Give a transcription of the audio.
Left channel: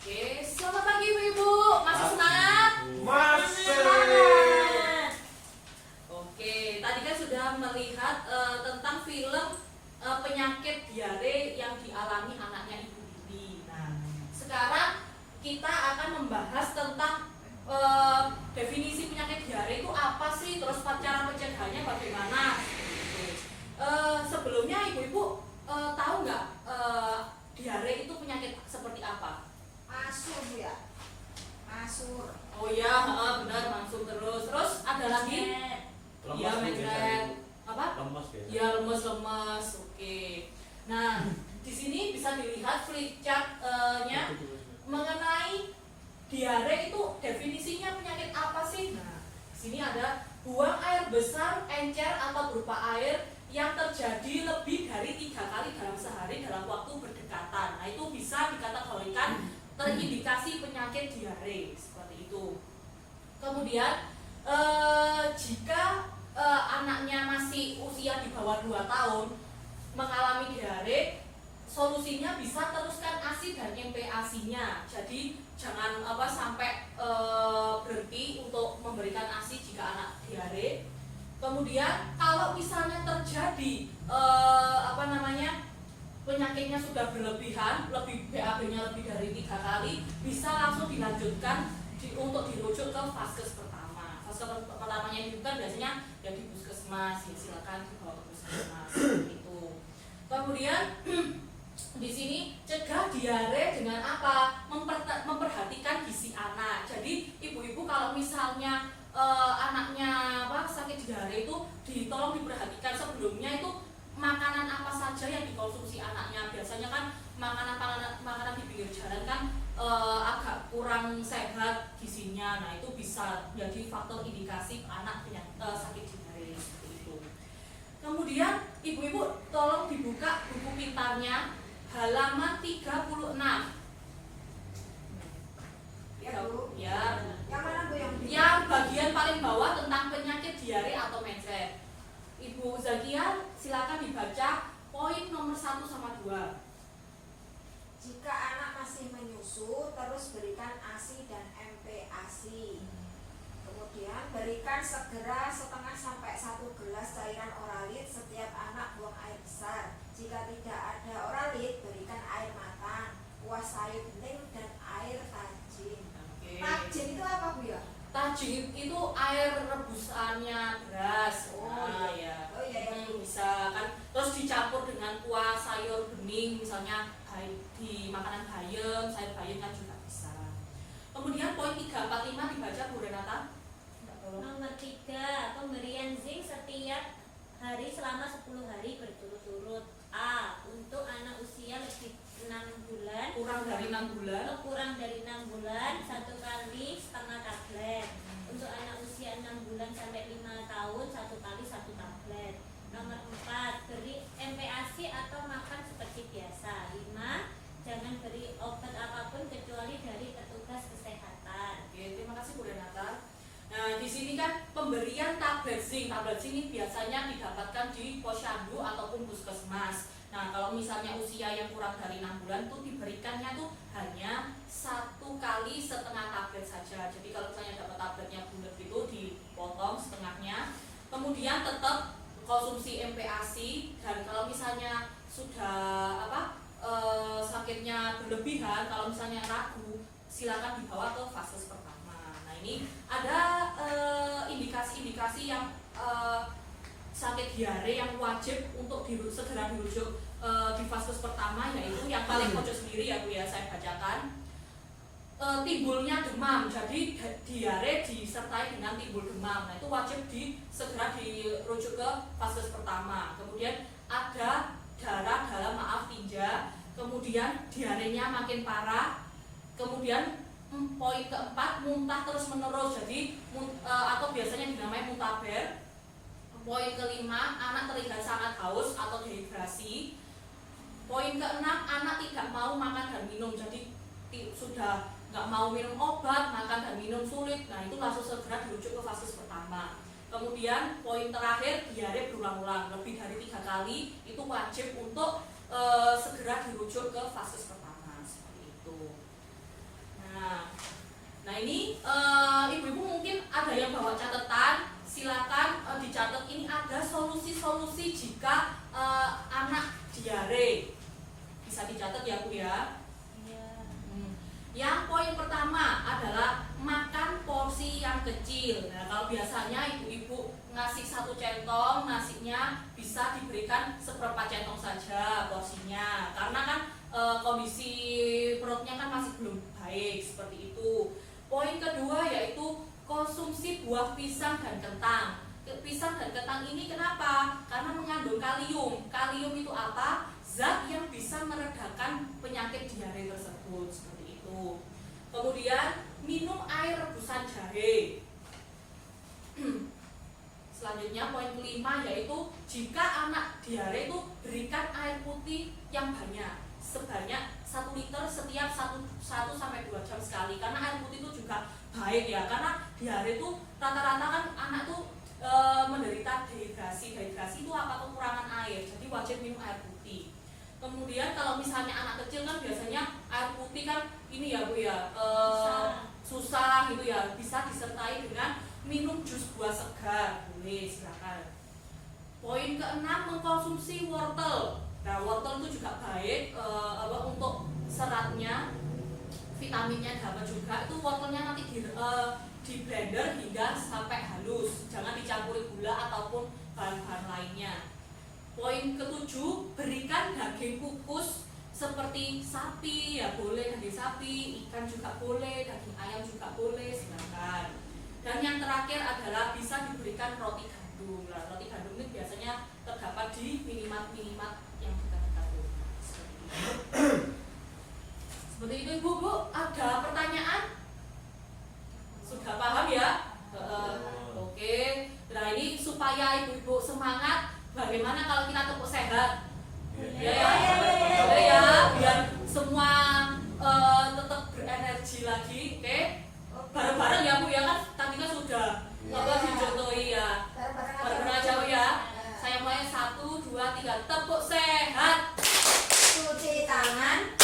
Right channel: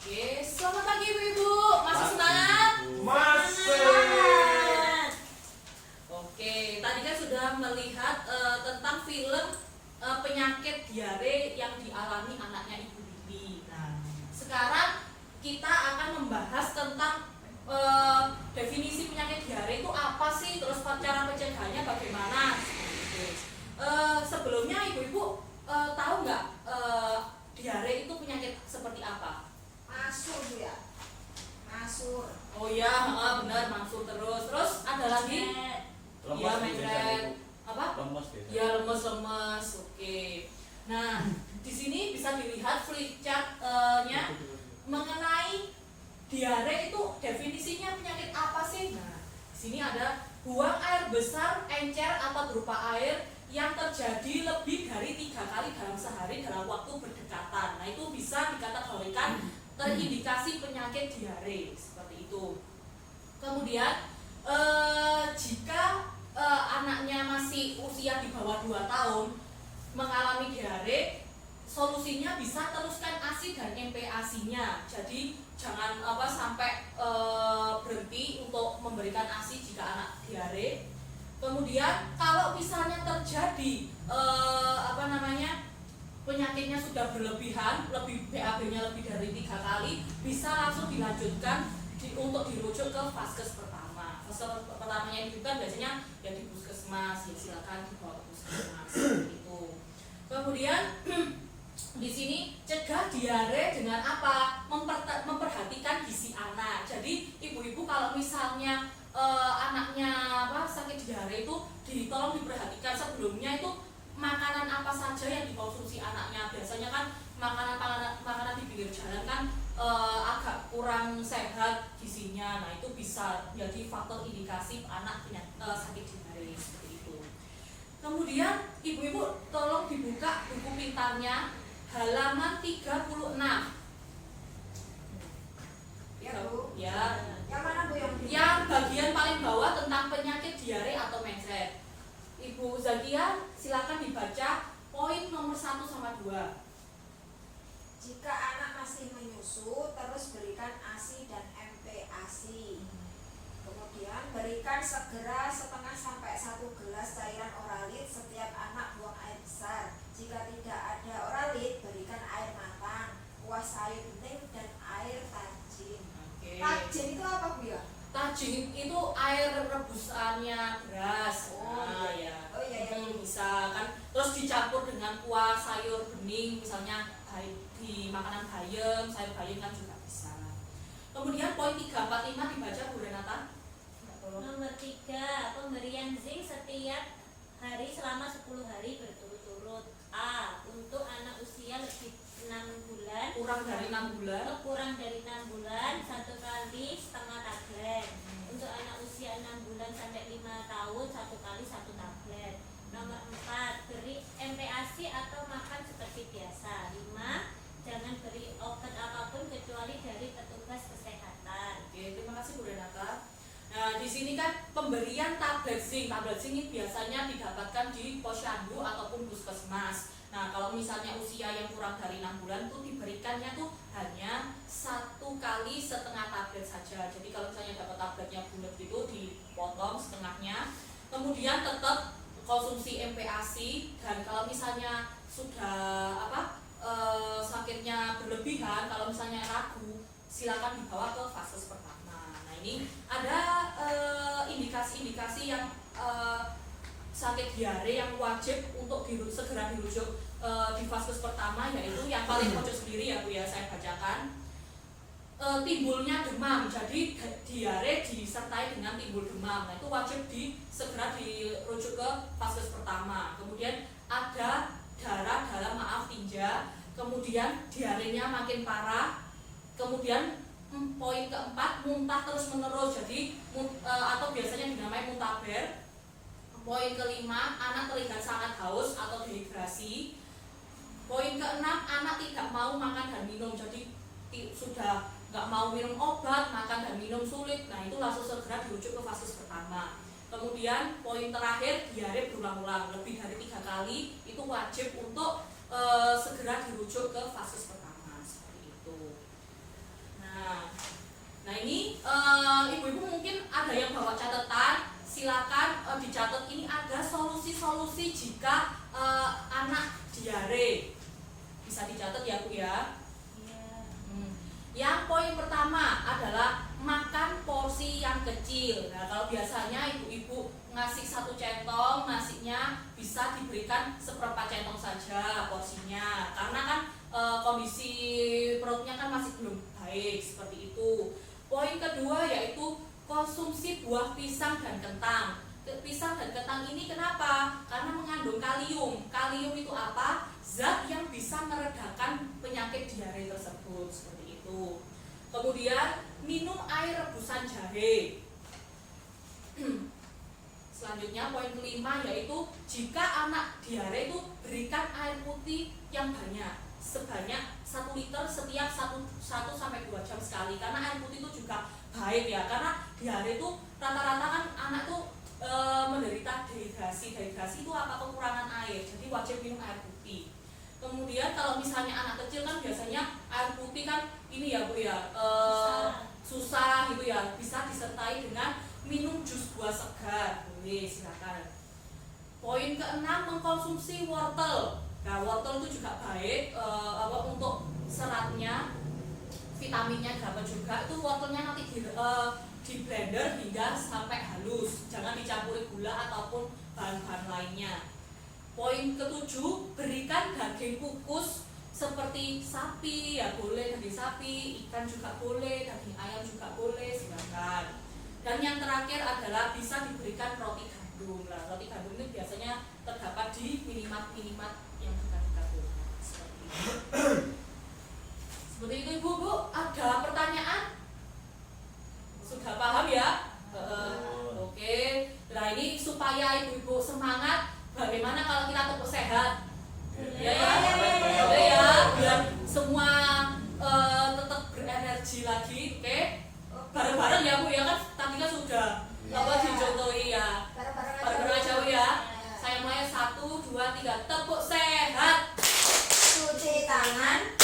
Oke, selamat pagi Ibu-ibu. Masih semangat? Masih. Oke, tadi kan sudah melihat tentang film penyakit diare yang dialami anaknya Ibu Lili. Nah, sekarang kita akan membahas tentang definisi penyakit diare itu apa sih, terus cara pencegahannya bagaimana. Gitu. Sebelumnya Ibu-ibu tahu nggak diare itu penyakit seperti apa? Masur ya. Masur. Oh iya, benar mangsur terus ada lagi? Iya, mencret. Apa? Lemes biasa. Ya, lemes. Oke. Nah, di sini bisa dilihat flip chart-nya mengenai diare itu definisinya penyakit apa sih? Nah, di sini ada buang air besar, encer atau berupa air yang terjadi lebih dari 3 kali dalam sehari dalam waktu berdekatan. Nah, itu bisa dikategorikan terindikasi penyakit diare seperti itu. Kemudian jika anaknya masih usia di bawah 2 tahun mengalami diare, solusinya bisa teruskan ASI dan MPASI-nya. Jadi jangan sampai berhenti untuk memberikan ASI jika anak diare. Kemudian kalau misalnya terjadi penyakitnya sudah berlebihan, BAB-nya lebih dari 3 kali, bisa langsung dilanjutkan untuk dirujuk ke vaskes pertama. Vaskes pertamanya itu kan biasanya ya di puskesmas, ya silakan dibawa ke puskesmas itu. Kemudian di sini cegah diare dengan apa? Memperhatikan gizi anak. Jadi ibu-ibu kalau misalnya anaknya sakit diare itu tolong diperhatikan sebelumnya itu makanan apa saja yang dikonsumsi anaknya. Biasanya kan makanan di pinggir jalan kan agak kurang sehat gizinya. Nah, itu bisa jadi faktor indikasi anak sakit diare seperti itu. Kemudian ibu-ibu tolong dibuka buku pintarnya halaman 36. Ya, Bu. Ya. Yang mana, Bu, Yang bagian paling bawah tentang penyakit diare atau mencret. Ibu Zakia, silakan dibaca poin nomor 1 sama 2. Jika anak masih menyusu, terus berikan ASI dan MPASI. Kemudian berikan segera setengah sampai 1 gelas cairan oralit setiap anak buang air besar. Jika tidak ada oralit, berikan air matang, kuah sayur bening dan air tajin. Oke. Tajin itu apa, Bu ya? Tajin itu air rebusannya beras. Oh, iya. Oh, iya. Bisa kan. Terus dicampur dengan kuah sayur bening, misalnya di makanan bayam, sayur bayam kan juga bisa. Kemudian poin 3, 4, 5 dibaca Bu Renata. Nomor 3, pemberian zinc setiap hari selama 10 hari berturut-turut. A. Untuk anak usia lebih 6 bulan, Kurang dari 6 bulan. kurang dari 6 bulan, 1 kali setengah tablet. Untuk anak usia 6 bulan sampai 5 tahun, 1 kali 1 tablet. Nomor 4, beri MPASI atau makan seperti biasa. 5, jangan beri obat apapun kecuali dari petugas kesehatan. Oke, terima kasih Bu Renata. Nah, di sini kan pemberian tablet zinc. Tablet zinc ini biasanya didapatkan di posyandu ataupun puskesmas. Nah, kalau misalnya usia yang kurang dari 6 bulan tuh diberikannya tuh hanya 1 kali setengah tablet saja. Jadi kalau misalnya dapat tabletnya bulat gitu dipotong setengahnya. Kemudian tetap konsumsi MPASI, dan kalau misalnya sudah sakitnya berlebihan, kalau misalnya ragu, silakan dibawa ke vaskes pertama. Nah, ini ada indikasi-indikasi yang sakit diare yang wajib untuk segera dirujuk di vaskes pertama, yaitu yang paling pojok sendiri ya Bu ya, saya bacakan. Timbulnya demam, jadi diare disertai dengan timbul demam. Nah, itu wajib segera dirujuk ke vaskes pertama. Kemudian ada darah dalam tinja, kemudian diarenya makin parah. Kemudian poin keempat, muntah terus menerus, jadi atau biasanya dinamai muntaber. Poin kelima, anak terlihat sangat haus atau dehidrasi. Poin keenam, anak tidak mau makan dan minum, jadi sudah nggak mau minum obat, makan dan minum sulit. Nah, itu langsung segera dirujuk ke vaskes pertama. Kemudian poin terakhir, diare berulang-ulang lebih dari 3 kali, itu wajib untuk segera dirujuk ke vaskes pertama seperti itu. konsumsi jika anak diare. Bisa dicatat ya Bu ya. Iya. Yang poin pertama adalah makan porsi yang kecil. Nah, kalau biasanya ibu-ibu ngasih 1 centong nasinya bisa diberikan seperempat centong saja porsinya, karena kan kondisi perutnya kan masih belum baik seperti itu. Poin kedua yaitu konsumsi buah pisang dan kentang. Pisang dan kentang ini kenapa? Karena mengandung kalium. Kalium itu apa? Zat yang bisa meredakan penyakit diare tersebut, seperti itu. Kemudian minum air rebusan jahe. Selanjutnya poin kelima yaitu jika anak diare itu berikan air putih yang banyak, sebanyak 1 liter setiap 1 sampai 2 jam sekali, karena air putih itu juga baik ya, karena diare itu rata-rata kan anak tuh menderita dehidrasi. Dehidrasi itu apa? Kekurangan air, jadi wajib minum air putih. Kemudian kalau misalnya anak kecil kan biasanya air putih kan ini ya Bu ya, susah gitu ya, bisa disertai dengan minum jus buah segar, boleh silakan. Poin keenam, mengkonsumsi wortel. Nah, wortel itu juga baik untuk seratnya, vitaminnya dapat juga. Itu wortelnya nanti di blender hingga sampai halus, jangan dicampuri gula ataupun bahan-bahan lainnya. Poin ketujuh, berikan daging kukus seperti sapi ya boleh, daging sapi, ikan juga boleh, daging ayam juga boleh, silakan. Dan yang terakhir adalah bisa diberikan roti gandum. Nah, roti gandum ini biasanya terdapat di minimat-minimat yang dekat-dekat rumah. Seperti itu. Seperti itu Ibu. Bu, ada pertanyaan? Sudah paham ya? Oke. Nah, ini supaya ibu-ibu semangat, bagaimana kalau kita tepuk sehat? Ya ya, ya, biar semua tetap berenergi lagi. Oke? Bareng-bareng ya Bu ya, kan tadi kan sudah dicontohi ya. Bareng-bareng aja Bu ya. Saya mulai 1, 2, 3, tepuk sehat. Cuci tangan.